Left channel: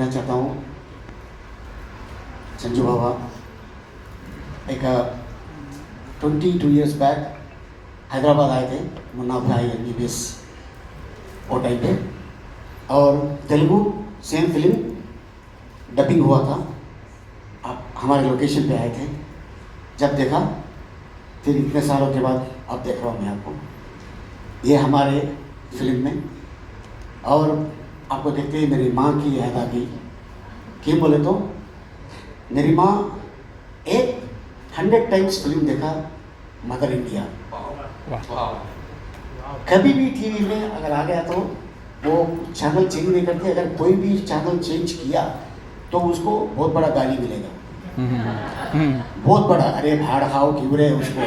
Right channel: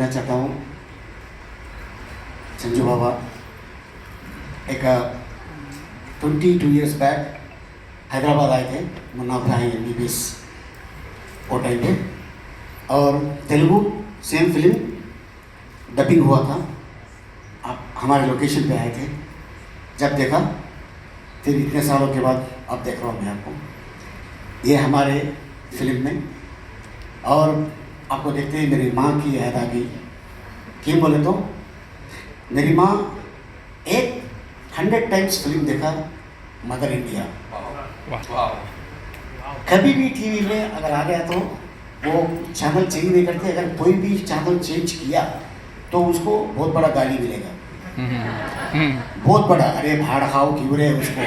देना चाहता हूँ संजू बाबा। एक 22 ईयर्स बैक हैदराबाद आए थे मुन्ना भाई MBBS वो टाइम पे, और तेलुगु सेम फिल्म डबिंग हुआ था। आप हमारे लोकेशन पे आए थे, जब देखा फिर इतने सालों के बाद अब देख रहा हूँ मैं आपको ये हमारे फिल्म में, और आपको देखते ही मेरी माँ की याद आ गई। क्यों बोले तो मेरी माँ 100 टाइम्स फिल्म देखा मदर इंडिया। कभी भी टीवी में अगर आ गया तो वो चैनल चेंज नहीं करते, अगर कोई भी चैनल चेंज किया तो उसको बहुत बड़ा गाली मिलेगा, बहुत बड़ा, अरे भाड़ खाओ क्यों रे उसको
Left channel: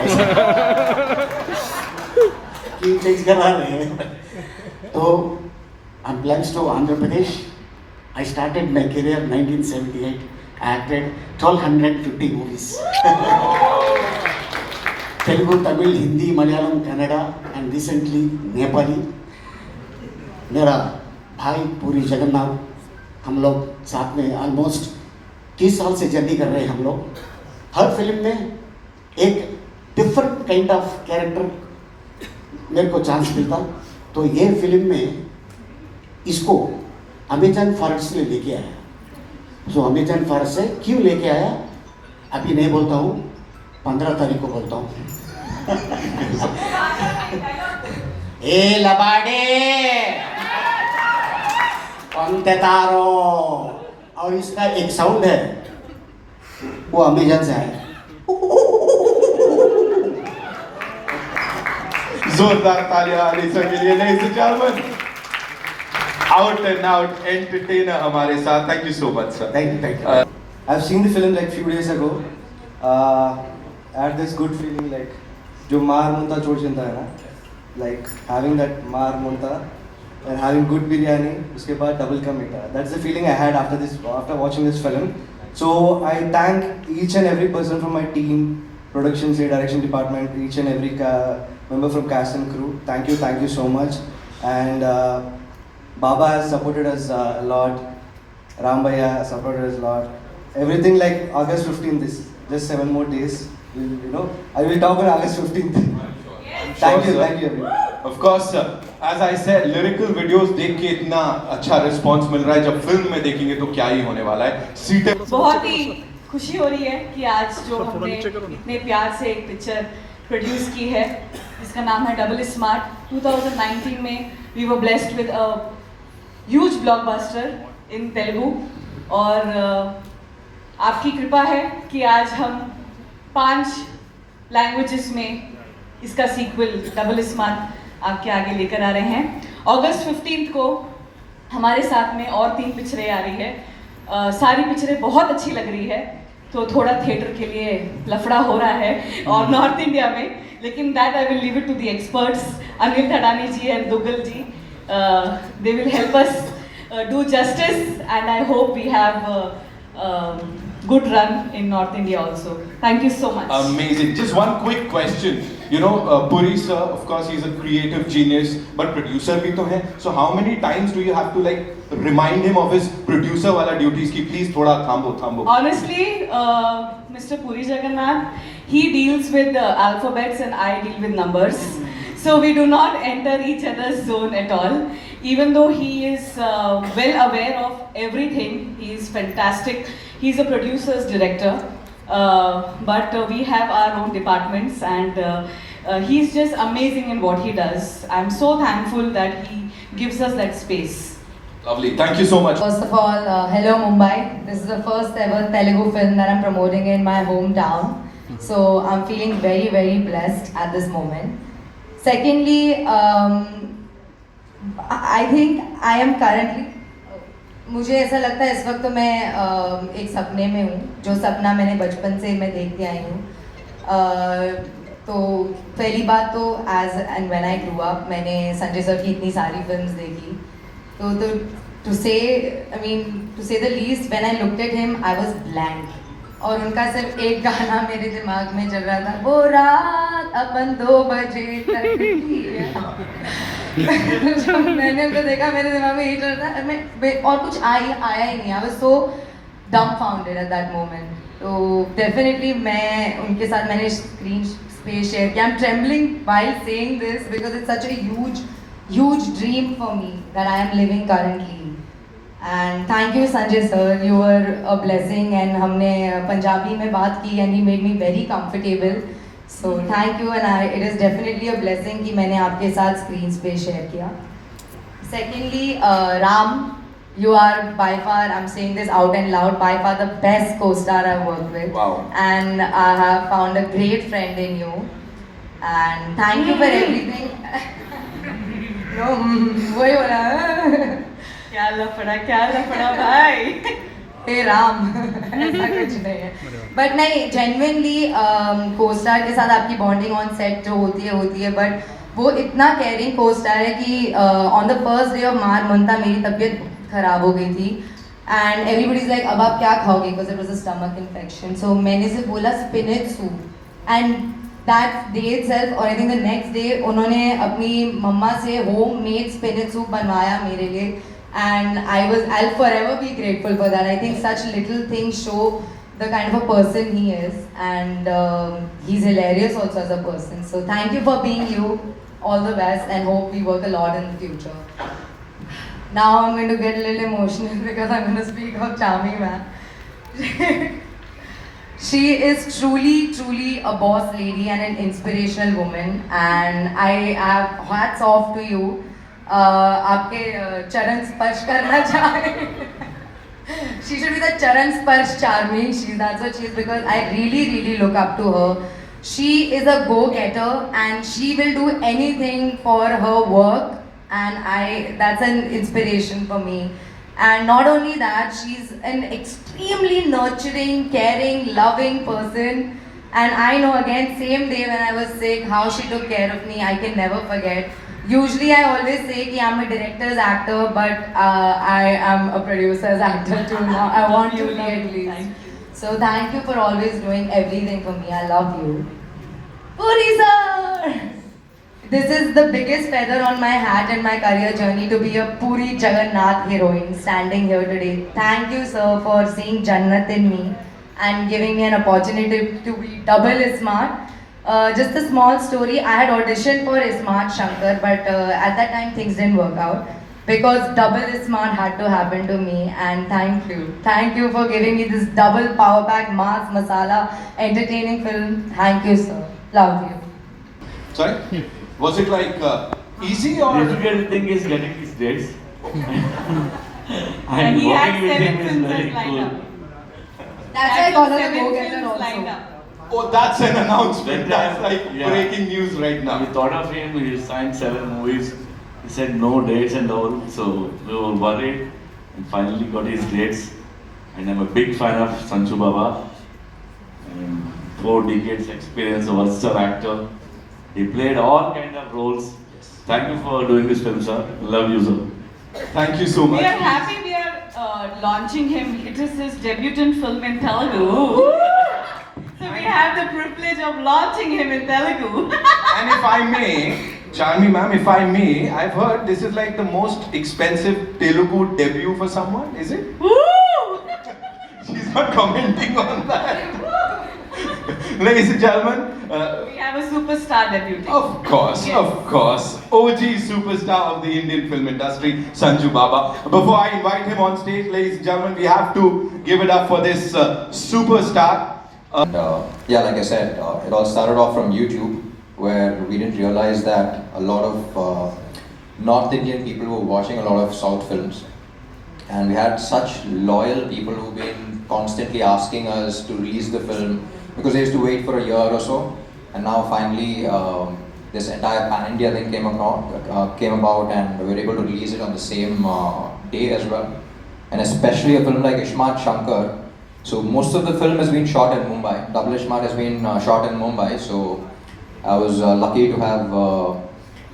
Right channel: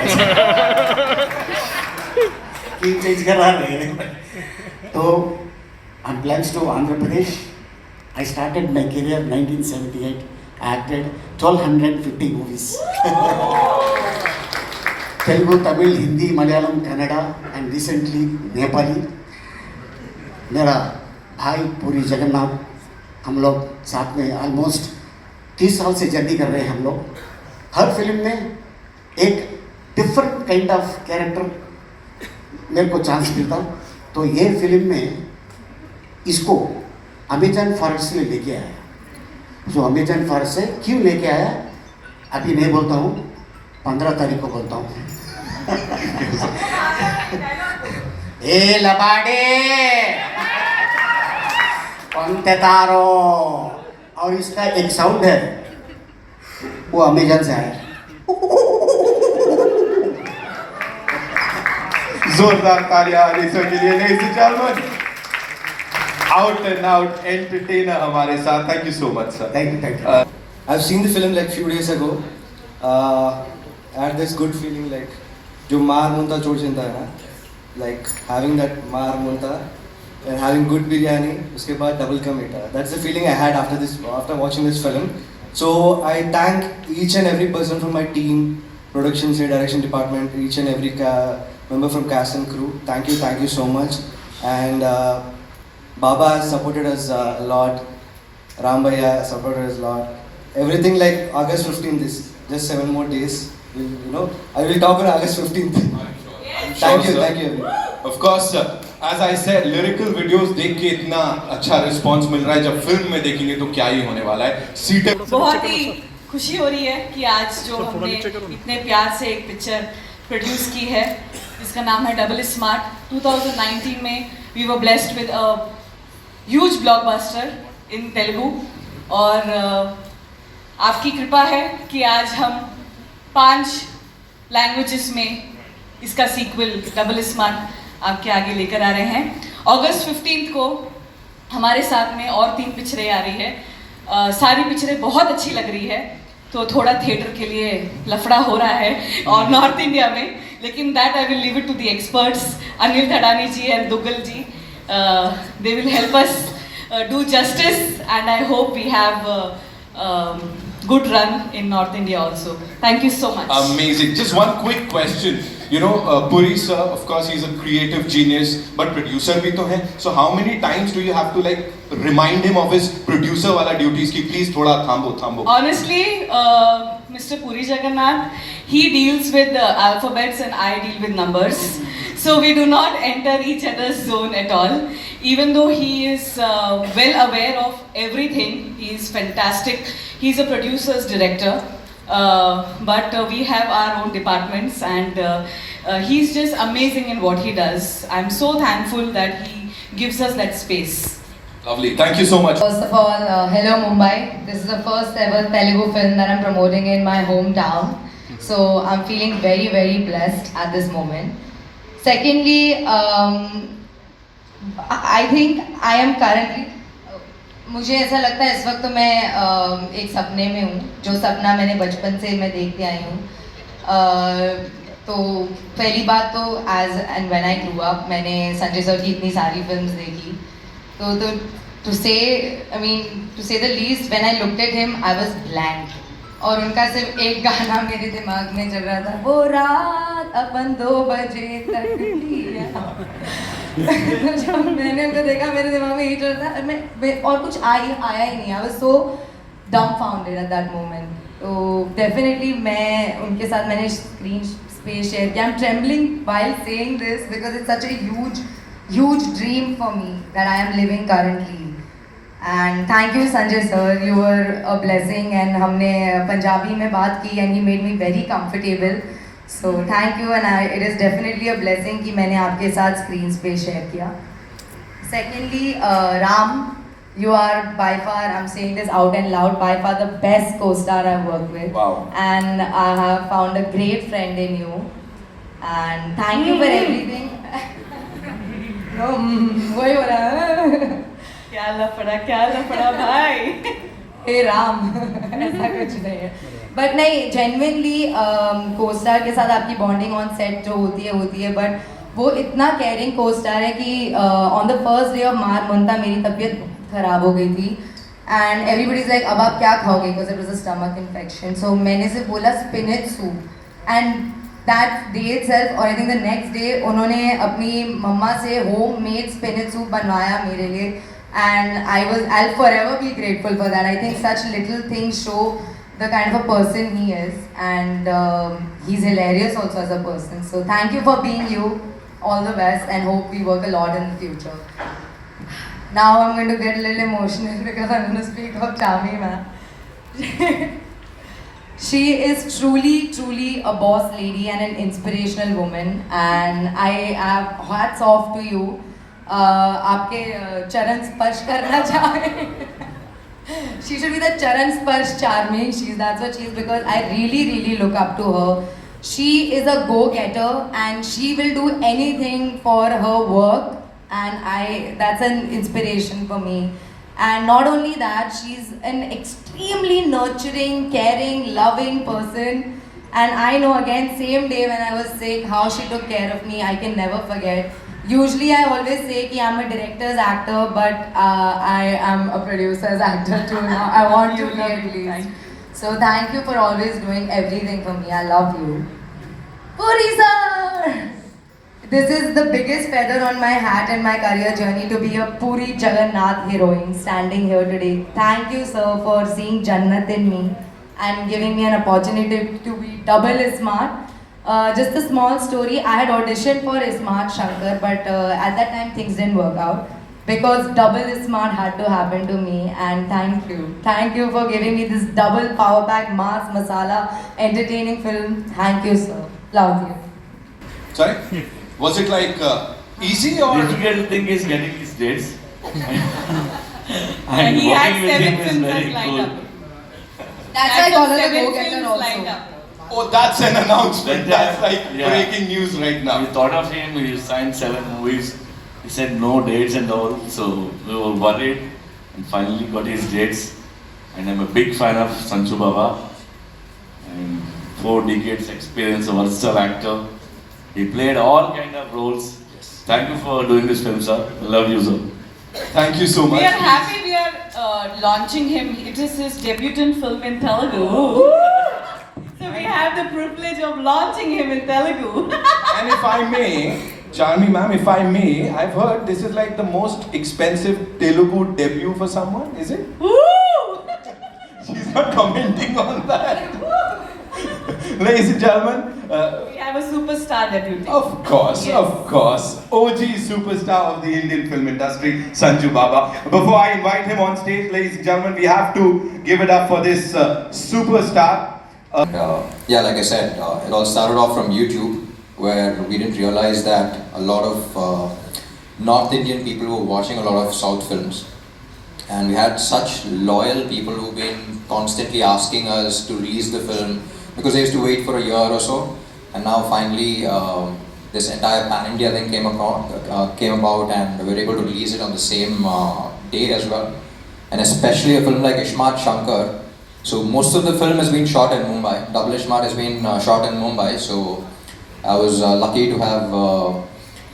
क्यों चेंज करा रहे हैं। तो on plans to Andhra Pradesh, I started my career 1978. I acted 1250 movies. Telugu, Tamil, Hindi, Malayalam, Kannada, and recently Nepali. मेरा भाई पूरी जगन्नाथ, हम लोग साथ में ऑलमोस्ट 30 साल से जर्नी कर रहे हैं हम लोग। हर फिल्म में एक डिफरेंट काइंड ऑफ कैरेक्टर मेरे को चांस मिलता, तो ये फिल्म में इसको अमेजन फॉरेस्ट से लेके आया। तो अमेजन फॉरेस्ट से क्यों लेके आया अभी नहीं बोलता हूँ, 15 तारीख को बोलता हूँ। ए लबाडे पंते तारो, और इसका एक साउंड है वो अमेजन से आया। जोरदार तालियां अलीसर के लिए, ladies and gentlemen, out and out entertainer हमारे साथ। Thank you so much sir. Thank you. I've seen the film like few days ago. I had this good feeling like जो मार मुंता छोड़ चिंता है ना, like having that मार मुंता and having good biryani, उसके बाद double का मीठा. That's the feeling I had after watching this film. So I thank each and every person from my team, production, direction department, each and every member from cast and crew. Thank you so much. And Baba has supported us a lot. Ram Bhaiya supported us a lot. Everything like August 15th is just 7 more days. You know, I will talk on August 15th. Thank you everyone. Of course sir. As I said, lyrical videos देख के इतना अच्छा response मिल रहा है, जब film में देखेंगे तो क्या ही होने वाला है। सीटें बहुत ही खुशी हो रही है कि आज जो हमने इतने प्यार से एक पिक्चर प्रोड्यूस की है जिसका नाम है डबल स्मार्ट। 2019 में we were blessed with a huge blockbuster in Telugu, और आपकी कृपा है कि आज हम 5 लैंग्वेजेस में इसका सीक्वल डबल स्मार्ट आपके आगे लेकर आ रहे हैं। अगस्त 15 को हमारे साथ में और 3 पिक्चरें आ रही है। सारी पिक्चरें बहुत अच्छी लग रही है, तो थोड़ा थिएटर के लिए लफड़ा हो रहा है और नॉर्थ इंडिया में, लेकिन that I will leave it to the experts Anil Thadani ji and Duggal ji. They will help us do justice, and I hope we have good run in North India also. Thank you so much. Amazing. Just one quick question. You know, Puri sir, of course, he's a creative genius, but producer भी तो है. So how many times do you have to like remind him of his producer वाला duties कि please थोड़ा थांबो? Honestly, Mr. Puri Jagannath, he deals with alphabets and I deal with numbers. So we do not enter each other's zone at all. Even though he is well aware of everything, he is fantastic. He's a producer's director, but we have our own departments, and he's just amazing in what he does. I'm so thankful that he gives us that space. Lovely. Thank you so much. First of all, hello Mumbai. This is the first ever Telugu film that I'm promoting in my hometown. So I'm feeling very, very blessed at this moment. Secondly, I think I am currently, मुझे ऐसा लगता है इस वक्त तो मैं एक सपने में हूँ, जो सपना मैंने बचपन से मैं देखते आई हूँ। तो पहली बात तो as and when I grew up, मैंने संजय सर की इतनी सारी फिल्म्स देखी, तो टू से the least, when I looked at him I was blank, और उनका सिर्फ एक गाना मेरे दिमाग में चल रहा था, वो रात अपन 2 बजे तक थी। मैंने उनको देखा, मेरे दिमाग में यही चल रहा था, मैं और कुछ आया ही नहीं। I was so dumbfounded at that moment. तो डेफिनेटली मैं उनके साथ मैंने स्क्रीन स्पेस शेयर किया. I'm trembling while saying this because it's such a huge dream for me that I am living currently. And thank you Sanjay sir, you were a blessing and हमने पंजाबी में बात की and he made me very comfortable. So thank you and it is definitely a blessing कि मैंने आपके साथ screen space share किया. Secondly, Ram, you are by far, I'm saying this out and loud, by far the best co-star I've worked with. Wow. And I have found a great friend in you. And thank you for everything. No, वही हो रहा है. क्या लफड़ा भाई. हे राम, ऐसा कुछ नहीं है. बट नहीं, जेन्युइनली को-स्टार के साथ आपकी बॉन्डिंग ऑन सेट जो होती है बट वो इतना केयरिंग को-स्टार है कि on the first day of मार मुंता मेरी तबीयत खराब हो गई थी एंड एवरीबडी इज लाइक अब आप क्या खाओगे because it was a stomach infection. So मैंने से बोला spinach soup and that day itself और I think the next day उन्होंने अपनी मम्मा से होम मेड स्पिनच सूप बनवाया मेरे लिए. And I'll forever be grateful for that. I think such little things show the kind of a person he is, and he's hilarious also as a person. So thank you for being you. All the best, and hope we work a lot in the future. Now I'm going to get a little emotional because I'm going to speak of Charmi ma'am. She is truly a boss lady and an inspirational woman, and I have hats off to you. आपके चरण स्पर्श करना चाह रहे हैं. She should be the charan sparsh charmi. That's what she is because I really look up to her. She is a go-getter and she will do anything for her work, and that's an inspiration for me. And not only that, she's an extremely nurturing, caring, loving person. And I know again, same day when I was sick, how she took care of me, I can never forget. Usually I always say कि I'm a director's actor, but I am a producer's actor too now. I want to be at least. So thank you for always doing everything for me. I love you. Puri sir! This is the biggest feather on my hat in my career journey to be a Puri Jagannath heroine standing here today. Thank you sir for seeing Jannat in me and giving me an opportunity to be double smart. Just a small story, I had auditioned for Smart Shankar, but at that time things didn't work out because double Smart had to happen to me, and thank you for giving me this double power pack mass masala entertaining film. Thank you sir, love you. Sorry? Was it like easy or? Difficult thing is getting these dates. And he had working with 7 him is films very lined cool. up. That's why I call her a 7 go-getter films also. lined up. Oh, that's an announcement. That's like Yeah. breaking news right now. We thought of him, we signed 7 movies. He said no dates and all, so we were worried and finally got his dates. And I'm a big fan of Sanju Baba. 4 decades experience, a versatile actor. He played all kind of roles. Thank you for doing this film, sir. I love you, sir. Thank you so much. We are happy we are launching him. It is his debutant film in Telugu. So we have the privilege of launching him in Telugu. And if I may, Charmi ma'am, if I may, I've heard this is like the most expensive Telugu debut for someone, is it? Woo! She's not commenting on that. Ladies and gentlemen, We have a superstar debuting. of course, OG superstar of the Indian film industry, Sanju Baba. Before I invite him on stage, ladies and gentlemen, we have to give it up for this superstar. Yeah, like I said, it all started off from YouTube, where we didn't realize that a lot of North Indian people were watching a lot of South films. And we had such loyal people who've been constantly asking us to release the film because they used to wait for a year or so. And now finally, this entire Pan-India thing came about and we were able to release it on the same day as well. And especially a film like Ishmat Shankar. So most of the film has been shot in Mumbai. Double Ishmat has been shot in Mumbai. So I was lucky to have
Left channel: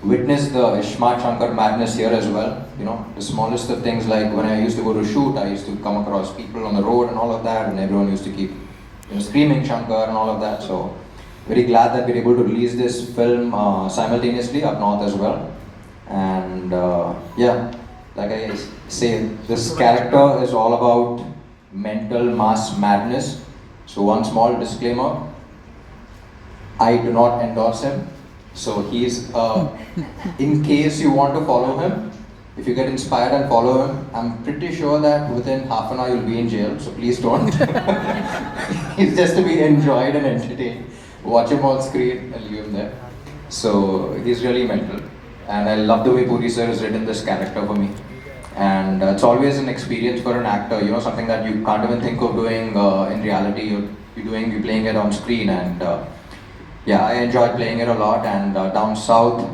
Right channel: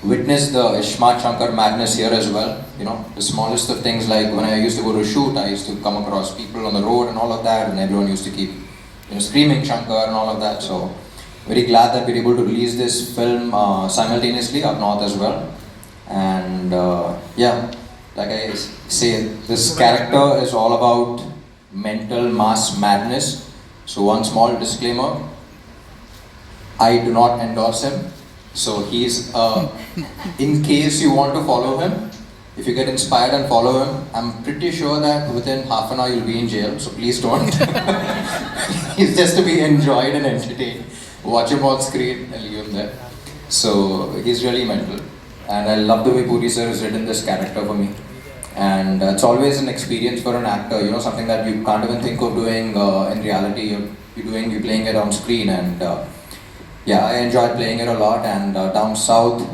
witnessed the Ishmat Shankar madness here as well. You know, the smallest of things, like when I used to go to shoot, I used to come across people on the road and all of that, and everyone used to keep screaming Shankar and all of that. So very glad that we were able to release this film simultaneously up north as well. And yeah, like I say, this character is all about mental mass madness. So one small disclaimer, I do not endorse him. So he's, in case you want to follow him, if you get inspired and follow him, I'm pretty sure that within half an hour you'll be in jail, so please don't. He's just to be enjoyed and entertained. Watch him on screen and leave him there. So he's really mental. And I love the way Puri sir has written this character for me. And it's always an experience for an actor, you know, something that you can't even think of doing in reality. You're playing it on screen. And yeah, I enjoyed playing it a lot. And down south,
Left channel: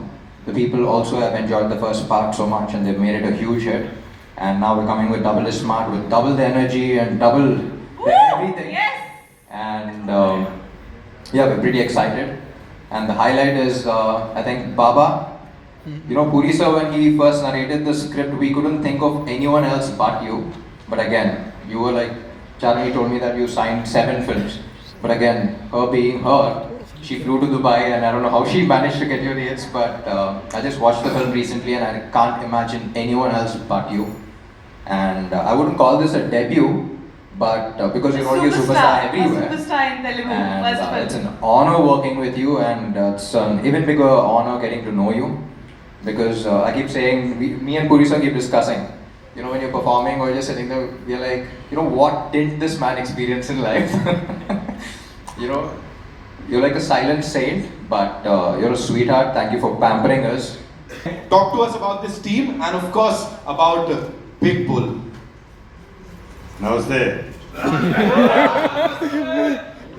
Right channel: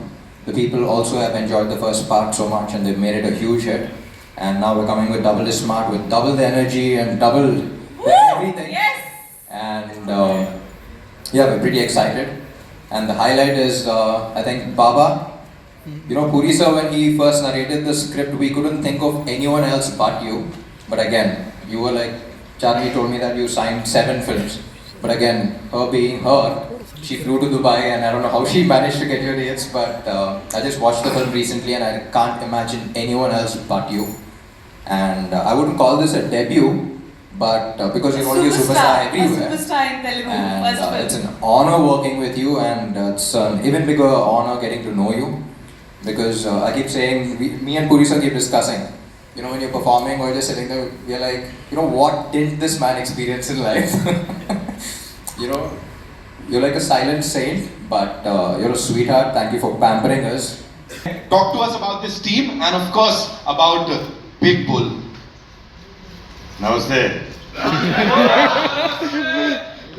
the people also have enjoyed the first part so much and they've made it a huge hit. And now we're coming with Double is Smart, with double the energy and double everything. Yes. And yeah, we're pretty excited. And the highlight is, I think, Baba. You know, Puri sir, when he first narrated the script, we couldn't think of anyone else but you. But again, you were like, Charlie told me that you signed 7 films. But again, her being her, she flew to Dubai and I don't know how she managed to get your dates, but I just watched the film recently and I can't imagine anyone else but you. And I wouldn't call this a debut, but because you're already a superstar everywhere. A superstar in Telugu. And First it's film. an honor working with you, and it's an even bigger honor getting to know you. Because I keep saying, me and Puri sir keep discussing, you know, when you're performing or just sitting there, we're like, you know, what did this man experience in life? You know, you're like a silent saint, but you're a sweetheart. Thank you for pampering us. Talk to us about this team and of course about Big Bull. नमस्ते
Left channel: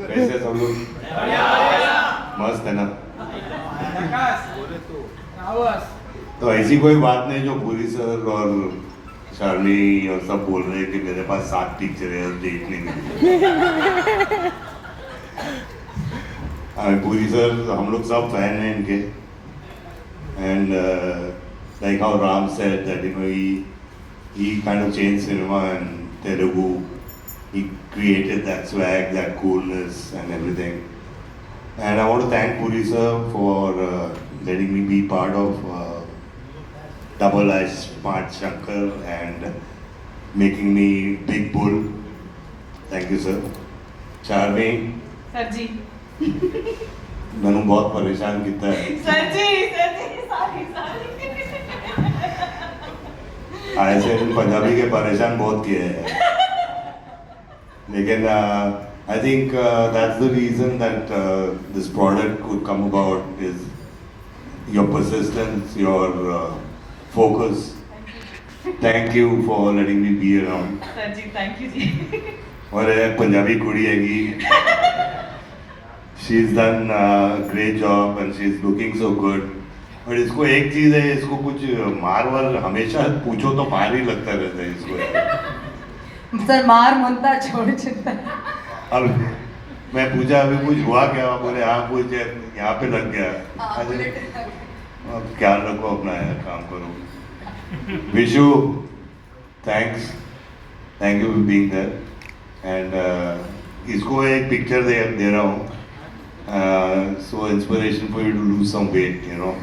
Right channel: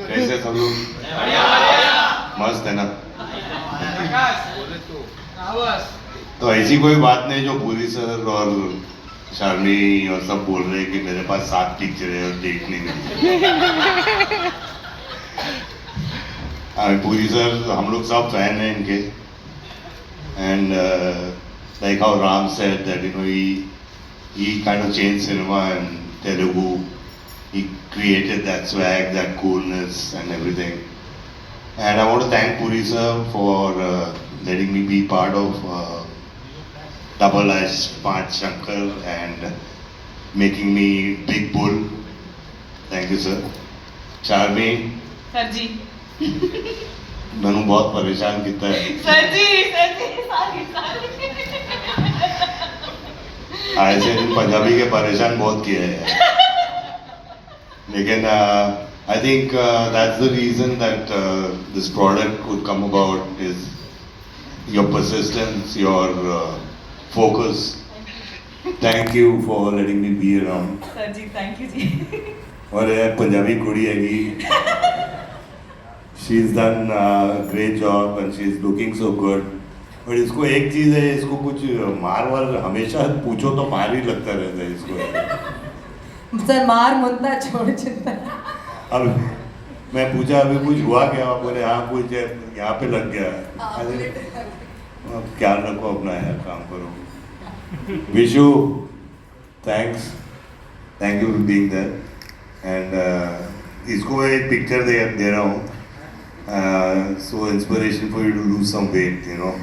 कैसे सब लोग मस्त है ना तो ऐसी कोई बात नहीं जो पूरी सर और शार्मी और सब बोल रहे हैं कि मेरे पास 7 पिक्चर है और देखनी नहीं पूरी सर हम लोग सब फैन हैं इनके and like how Ram said that you know he kind of changed cinema and Telugu. He created that swag, that coolness and everything. And I want to thank Puri sir for letting me be part of Double as Smart Shankar and making me Big Bull. Thank you sir. Charmi. Sir जी. मैंने बहुत परेशान किया है. Sir जी, sorry. ऐसे पंजाबी के परेशान बहुत किए हैं लेकिन I think that's the reason that this product could come about is your persistence, your focus. Thank you for letting me be around. Sir ji, thank you ji. और एक पंजाबी कुड़ी हैगी. She's done a great job and she's looking so good. But इसको एक चीज है, इसको कुछ मार वार हमेशा पूछो तो मार ही लगता रहता है इसको. सर मार मुंता छोड़ चिंता. अब मैं पूछा अभी कुछ हुआ क्या, बोले हाँ कुछ यहाँ पे लग गया. अब ख्याल रखो अपना यार, काम करो. Vishu thanks, thank you for being there. And इसको एक पिक्चर दे रहा हूँ. So inspiration for you to lose some weight, you know.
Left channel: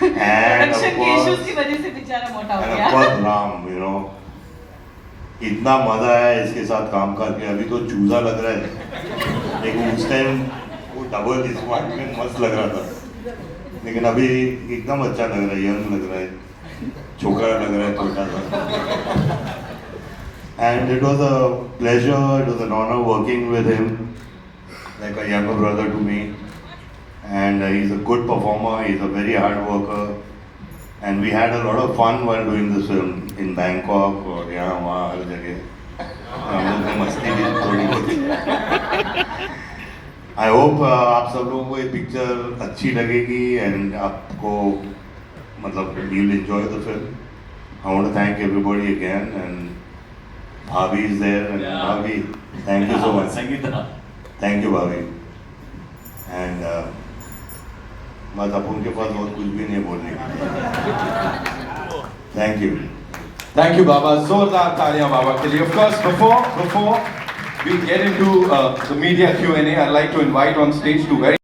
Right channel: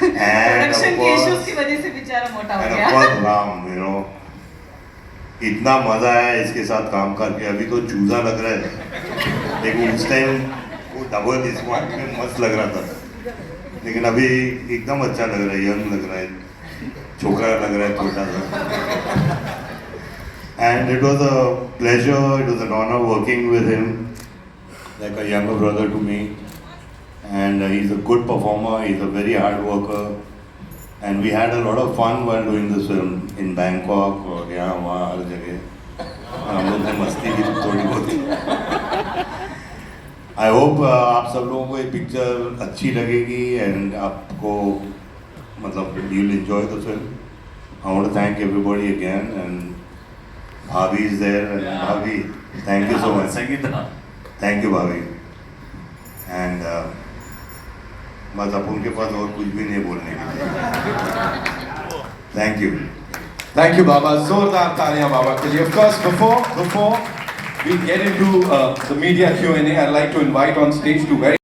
And Production के issues की वजह से बेचारा मोटा हो गया. of course Ram, you know. इतना मजा आया इसके साथ काम करके. अभी तो चूजा लग रहा है, लेकिन उस टाइम वो डबल स्मार्ट में मस्त लग रहा था. लेकिन अभी एकदम अच्छा लग रहा है, यंग लग रहा है, छोकरा लग रहा है, छोटा सा. And it was a pleasure, it was an honor working with him, like a younger brother to me. And he's a good performer, he's a very hard worker. And we had a lot of fun while doing this film in Bangkok और यहाँ वहाँ हर जगह. हम लोग ने मस्ती भी थोड़ी बहुत. I hope आप सब लोगों को ये पिक्चर अच्छी लगेगी and आपको मतलब you'll enjoy the film. I want to thank everybody again and Bhavi is there and Bhavi, thank you so much. Thank you Bhavi. And बस अब उनके पास और कुछ भी नहीं बोलने के लिए. Thank you. Thank you, Baba. Zordar Talia, Baba. Of course, before we get into the media Q&A, I'd like to invite on stage two very